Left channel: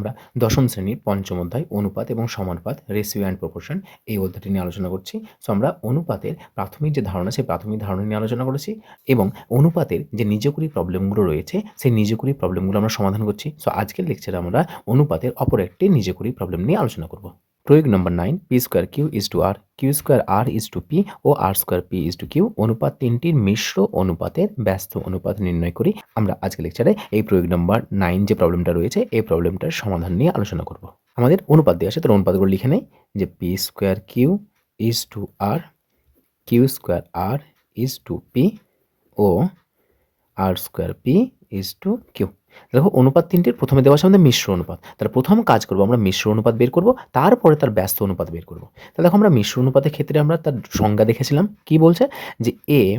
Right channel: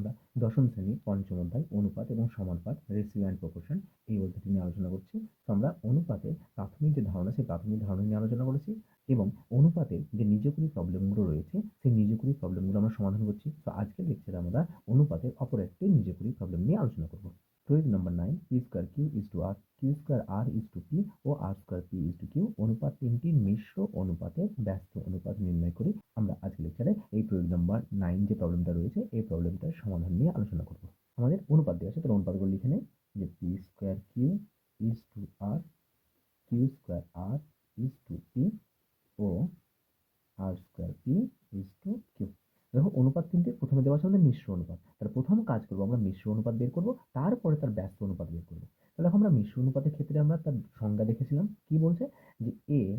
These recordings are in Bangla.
আমরা দশম শ্রেণির পঞ্চম অধ্যায়, অনুপাত এবং সমানুপাত রেসিও অ্যান্ড প্রপোর্শন এই অধ্যায়টি নিয়ে আলোচনা করছি। সো আমরা অনুপাতের প্রাথমিক যে ধারণা, সেই প্রাথমিক ধারণা নিয়ে আলোচনা করেছি এবং অনুপাতের যে নিজকুরি প্রবলেমগুলো রয়েছে, সেই নিজকুরি প্রবলেমগুলো আমরা সমাধান করছি। সো আজকের লেকচারে আমরা অনুপাতের অপর একটি নিজকুরি প্রবলেম নিয়ে আলোচনা করব। প্রয়োগ number nine P square Q is to R Q square R is to P O R square P is to Q অনুপাত তিনটির মিশ্র অনুপাতের ব্যস্ত অনুপাত নির্ণয় করি। আমরা আজকে লেকচারে এই প্রয়োগ নম্বর নাইন যে প্রবলেমটা রয়েছে, এই প্রবলেমটার সমাধান নিয়ে আলোচনা করব। আমাদের অনুপাত দিয়ে আছে তার অনুপাতগুলো লিখে নেই। যে P square Q is to R Q square R is to P O R square P is to Q দেখো অনুপাত তিনটির প্রথমে দেওয়া আমাদের মিশ্র অনুপাত। তাহলে প্রথম কাজ করব, আমরা মিশ্র অনুপাত বের করব, তারপরে তার ব্যস্ত অনুপাত বের করব। তাহলে দেখো আমরা মিশ্র অনুপাতের ক্ষেত্রে আমরা তার সংজ্ঞা দেখেছিলাম। কি বলছে? যে A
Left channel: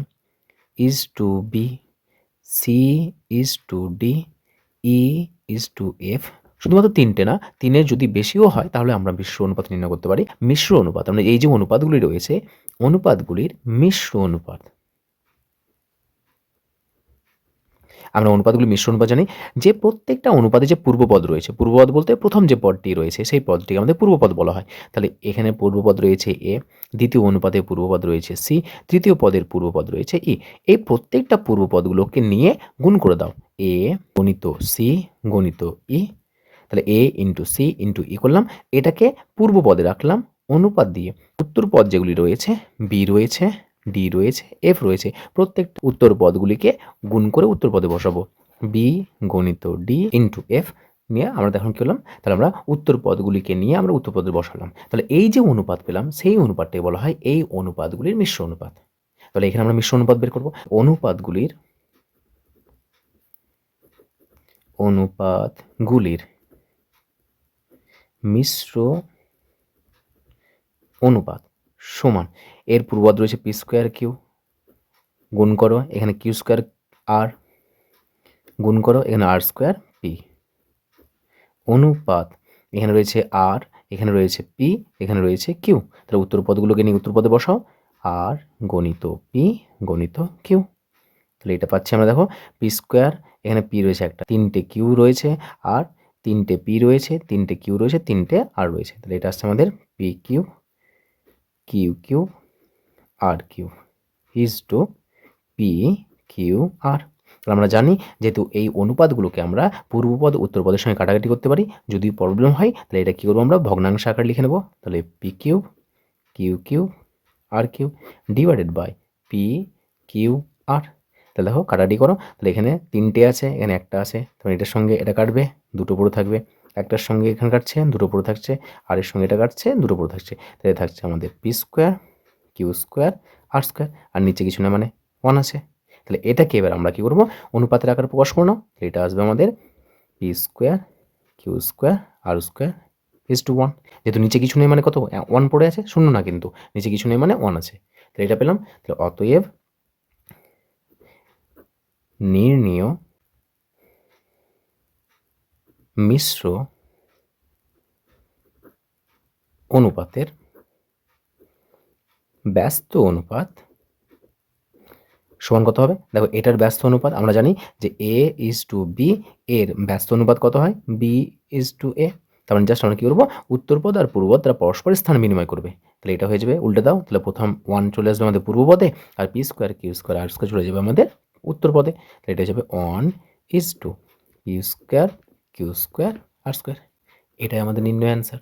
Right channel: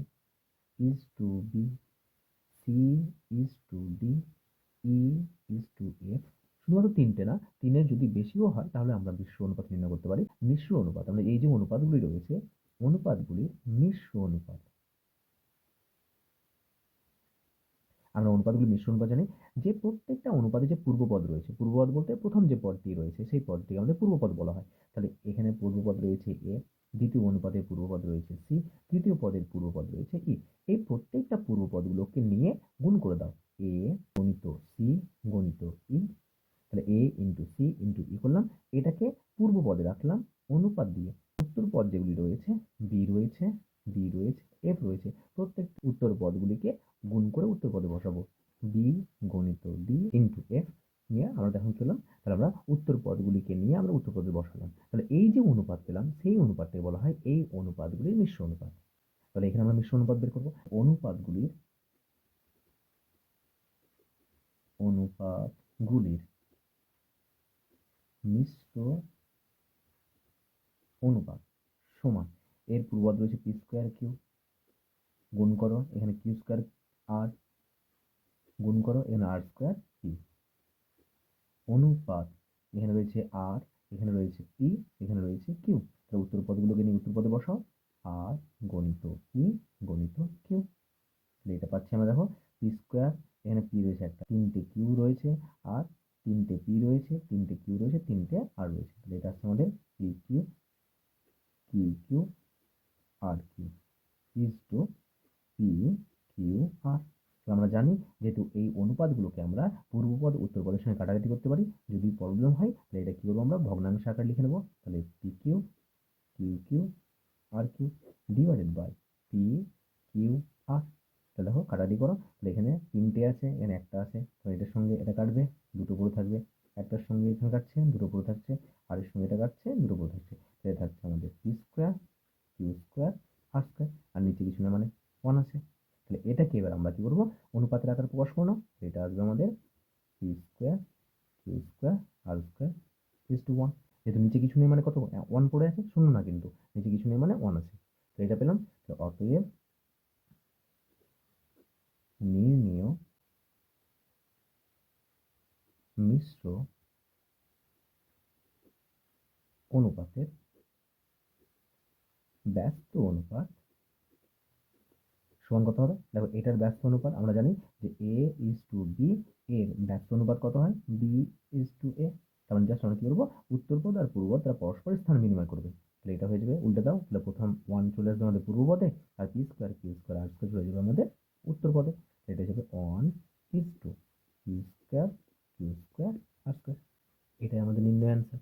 is to B C is to D E is to F শুধুমাত্র তিনটে না, তিনের যদি বেশিও হয়, তাহলে আমরা মিশ্র অনুপাত নির্ণয় করতে পারি। মিশ্র অনুপাত আমরা এই যে অনুপাতগুলি রয়েছে, অনুপাতগুলির মিশ্র অনুপাত। আমরা অনুপাতগুলি মিশ্র অনুপাত জানি, যে প্রত্যেকটা অনুপাতে যে পূর্বপদ রয়েছে, পূর্বপদ বলতে প্রথম যে পদটি রয়েছে, সেই পদটিকে আমাদের পূর্বপদ বলা হয়। তাহলে এখানে পূর্বপদ রয়েছে এ, দ্বিতীয় অনুপাতে পূর্বপদ রয়েছে সি, তৃতীয় পদের পূর্বপদ রয়েছে ই। এই প্রত্যেকটা পূর্বপদগুলোকে নিয়ে গুণ করে দাও। এ গণিত সি, গণিত ই। তাহলে A into C into E করলাম। এটাকে পূর্বপদে রাখলাম, অনুপাত দিয়ে। উত্তর পদ যেগুলি রয়েছে, বি রয়েছে ডি রয়েছে, এফ রয়েছে প্রত্যেকটা উত্তর পদগুলিকে গুণ করে উত্তর পদে বসাবো। বি গণিত ডি ইন্টু এফ নিয়ে আমরা এখন কী করলাম তাহলে আমরা উত্তর পদগুলিকে নিয়ে আমরা উত্তর পদে বসালাম। তাহলে এই যে অনুপাত পেলাম, সেই অনুপাতটাকে বলা হয় এই অনুপাতগুলির মিশ্র অনুপাত। তাহলে এখানে আমরা মিশ্র অনুপাত বের করব। অনুপাতগুলির অনুপাতগুলির মিশ্র অনুপাত সমান এর পূর্বদ রয়েছে পি স্কোয়ার কিউ গুণ করো, এখানে কিউ স্কোয়ার আর গুণ করো, এখানে আর স্কোয়ার পি। অনুপাত, এখানে রয়েছে আর, এখানে রয়েছে পি, এখানে রয়েছে কিউ। তাহলে উত্তর পদগুলোকে নিয়ে উত্তর পদে বসাও। আর গণিত পি, গণিত কিউ। তাহলে এটা পাচ্ছি আমরা, দেখো, পি স্কোয়ার, এখানে পি রয়েছে একটা, তিনটে কিউ রয়েছে আর তিনটে পি রয়েছে, তিনটে কিউ রয়েছে, তিনটে আর রয়েছে। তাহলে এটা আসছে আমাদের P Q Q Q R Q. Is to P Q R তাহলে আমরা জানি যেহেতু এই অনুপাতগুলোকে আমরা পূর্বপদ, উত্তরপদের সঙ্গে কাটাকাটি করতে পারি, যদি প্রবলেম হয়, তাহলে এটা কী করব আমরা? ভগ্নাংশ আকার লিখে নেব। তাহলে P Q Q Q R Q divided by P Q R তাহলে দেখো, কাটাকাটি করো। তাহলে এখানে তিনটে আছে, এখানে একটা আছে। তখন এটার সঙ্গে এটা কাটবে, দুটো পড়ে থাকবে। একটার সঙ্গে এখানে কাটছে, দুটো পড়ে থাকছে। আর এর সঙ্গে এটা কাটছে, দুটো পড়ে থাকছে। তাহলে থাকছে আমাদের P square Q square, R square, আর নিচে কিছু না মানে ওয়ান আছে। তাহলে এটাকে এবার আমরা কী করব? অনুপাতের আকারে প্রকাশ করো না এটা আসবে আমাদের P square Q square R square is to one যেহেতু নিচে কিছু নেই মানে কত? ওয়ান পড়ে আছে, শূন্য না কিন্তু। নিচে কিছু নেই মানে ওয়ান আছে। তাহলে এটা পেলাম। তাহলে অতএব নির্ণীয় মিশ্র অনুপাতের ব্যস্ত অনুপাত সমান কত হবে? দেখো, এটার ব্যস্ত অনুপাত আমরা জানি যে এ ইজ টু বি এর ব্যস্ত অনুপাত কত হয়? বি ইজ টু এ তার মানে জাস্ট আমরা কী করব? উত্তরপদ আর পূর্বপদ তারা পরস্পরের স্থান বিনিময় করবে। তাহলে এটা হয়ে যাবে, উল্টে দাও, তাহলে প্রথম ওয়ান চলে আসবে আমাদের পূর্বপদে আর P square Q square R square চলে যাবে আমাদের উত্তরপদে তাহলে এটা হয়ে যাবে one is to P square Q square R square এটাই আমাদের নির্ণয় অ্যান্সার